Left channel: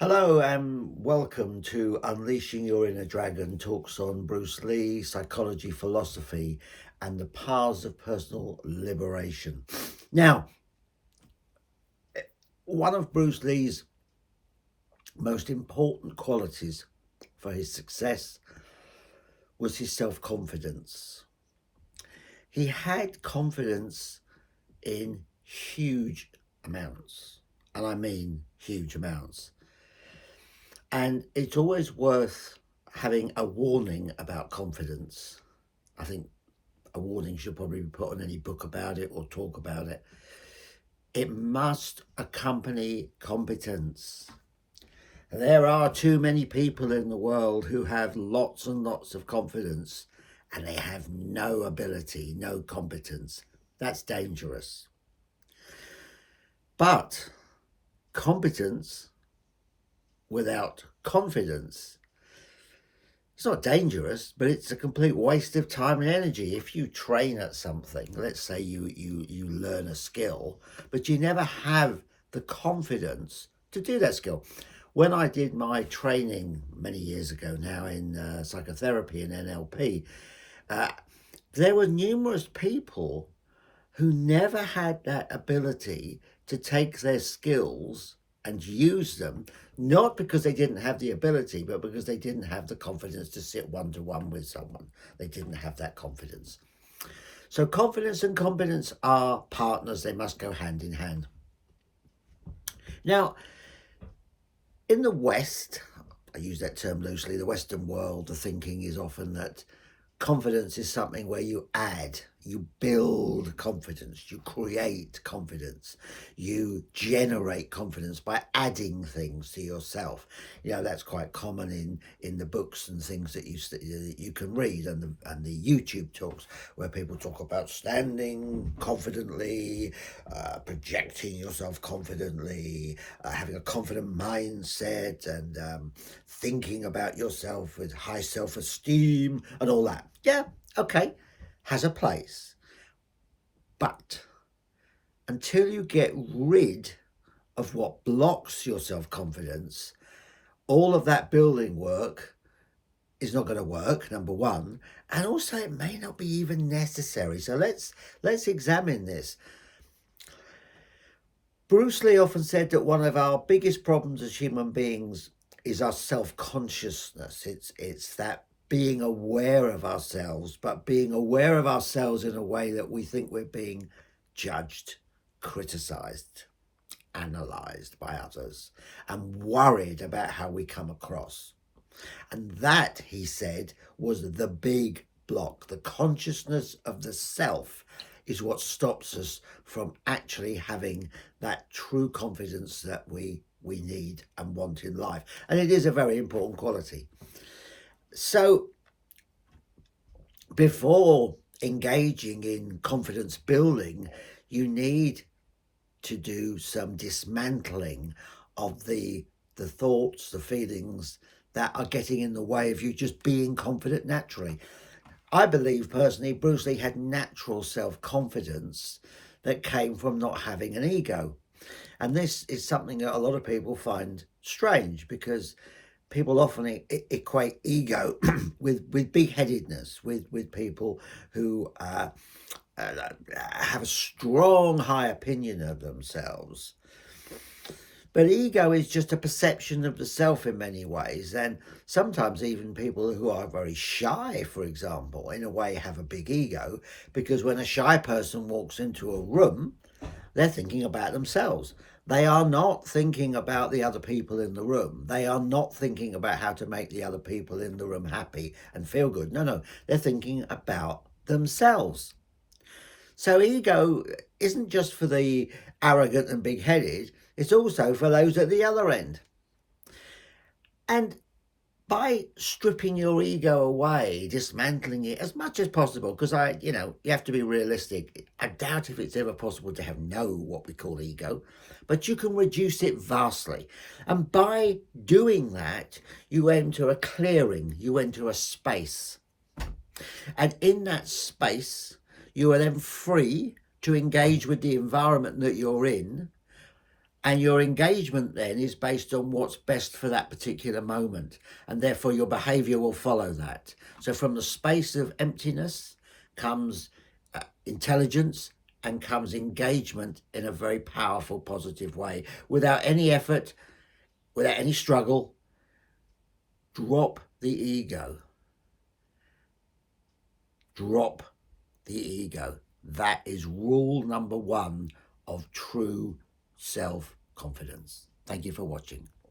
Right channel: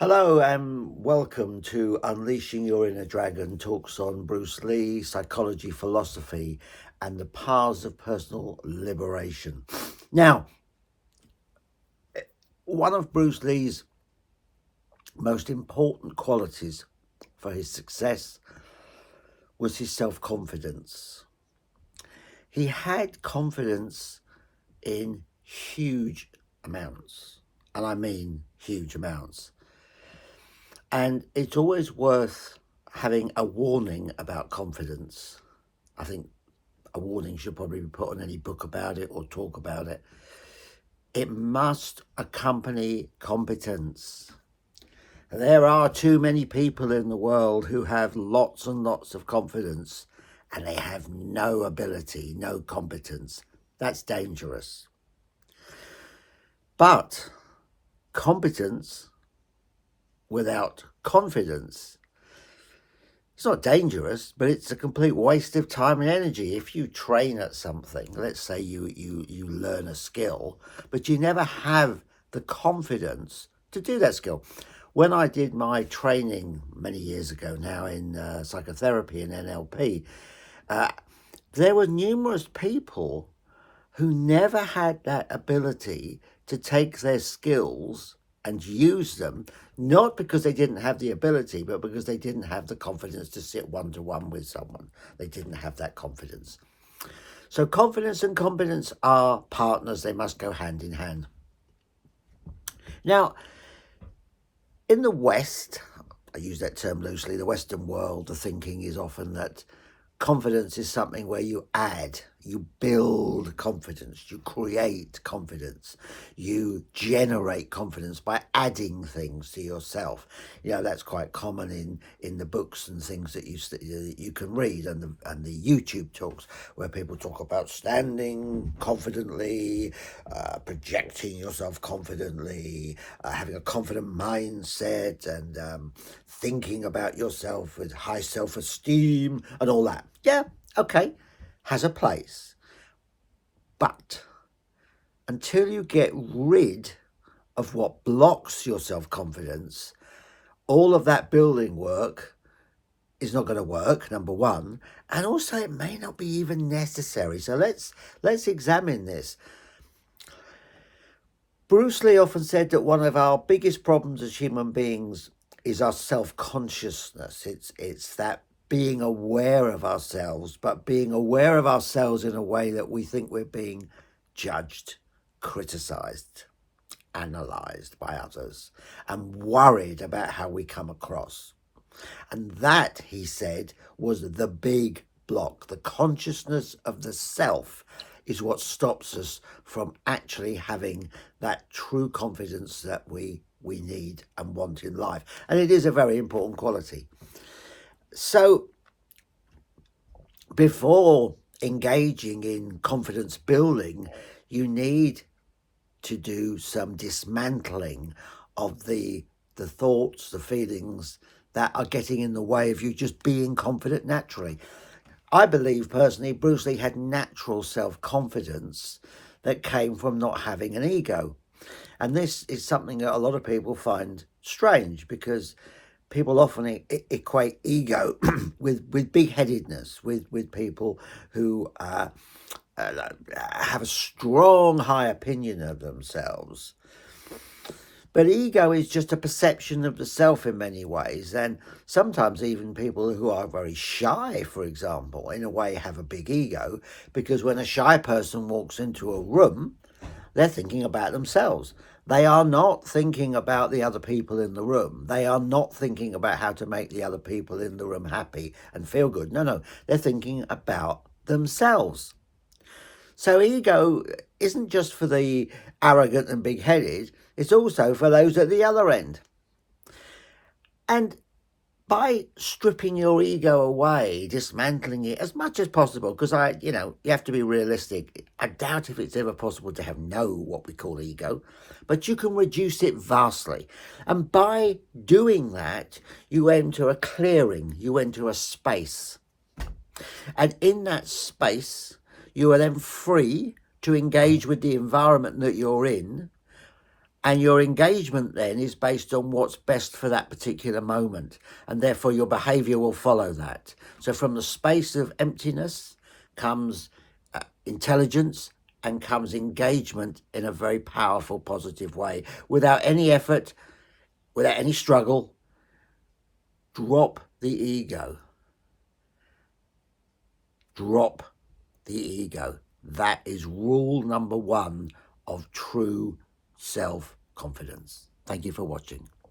Hello and welcome to Unleashing Your Inner Dragon, talks on Bruce Lee, psychology, philosophy, and the paths of personal liberation. Now, one of Bruce Lee's most important qualities for his success was his self-confidence. He had confidence in huge amounts, and I mean huge amounts. And it's always worth having a warning about confidence. I think a warning should probably be put on any book about it or talk about it. It must accompany competence. There are too many people in the world who have lots and lots of confidence and they have no ability, no competence. That's dangerous. But competence without confidence, it's not dangerous, but it's a complete waste of time and energy. If you train at something, let's say you learn a skill, but you never have the confidence to do that skill. When I did my training many years ago now in psychotherapy and NLP, there were numerous people who never had that ability to take their skills and use them, not because they didn't have the ability, but because they didn't have the confidence to sit one-to-one with someone. They didn't have that confidence. So confidence and competence are partners. They must go hand in hand. Now, in the West, I use that term loosely, the Western world, the thinking is often that confidence is something where you add, you build confidence, you create confidence, you generate confidence by adding things to yourself. You know, that's quite common in the books and things that you can read, and the YouTube talks where people talk about standing confidently, projecting yourself confidently, having a confident mindset, and thinking about yourself with high self-esteem and all that. Yeah, okay, has a place. But until you get rid of what blocks your self-confidence, all of that building work is not going to work, number one, and also it may not be even necessary. So let's examine this. Bruce Lee often said that one of our biggest problems as human beings is our self-consciousness. It's that being aware of ourselves, but being aware of ourselves in a way that we think we're being judged, criticized, analyzed by others, and worried about how we come across. And that, he said, was the big block. The consciousness of the self is what stops us from actually having that true confidence that we need and want in life. And it is a very important quality. So before engaging in confidence building, you need to do some dismantling of the thoughts, the feelings that are getting in the way of you just being confident naturally. I believe personally Bruce Lee had natural self-confidence that came from not having an ego. And this is something that a lot of people find strange, because people often equate ego with big-headedness, with people who have a strong, high opinion of themselves. But ego is just a perception of the self in many ways. And sometimes even people who are very shy, for example, in a way have a big ego, because when a shy person walks into a room, they're thinking about themselves. They are not thinking about the other people in the room. They are not thinking about how to make the other people in the room happy and feel good. No, they're thinking about themselves. So ego isn't just for the arrogant and big-headed, it's also for those at the other end. And by stripping your ego away, dismantling it as much as possible, because you have to be realistic. I doubt if it's ever possible to have what we call ego, but you can reduce it vastly. And by doing that, you enter a clearing, you enter a space. And in that space, you are then free to engage with the environment that you're in And your engagement then is based on what's best for that particular moment. And therefore your behavior will follow that. So from the space of emptiness comes intelligence and comes engagement in a very powerful, positive way. Without any effort, without any struggle, drop the ego. Drop the ego. That is rule number one of true self-confidence. Thank you for watching.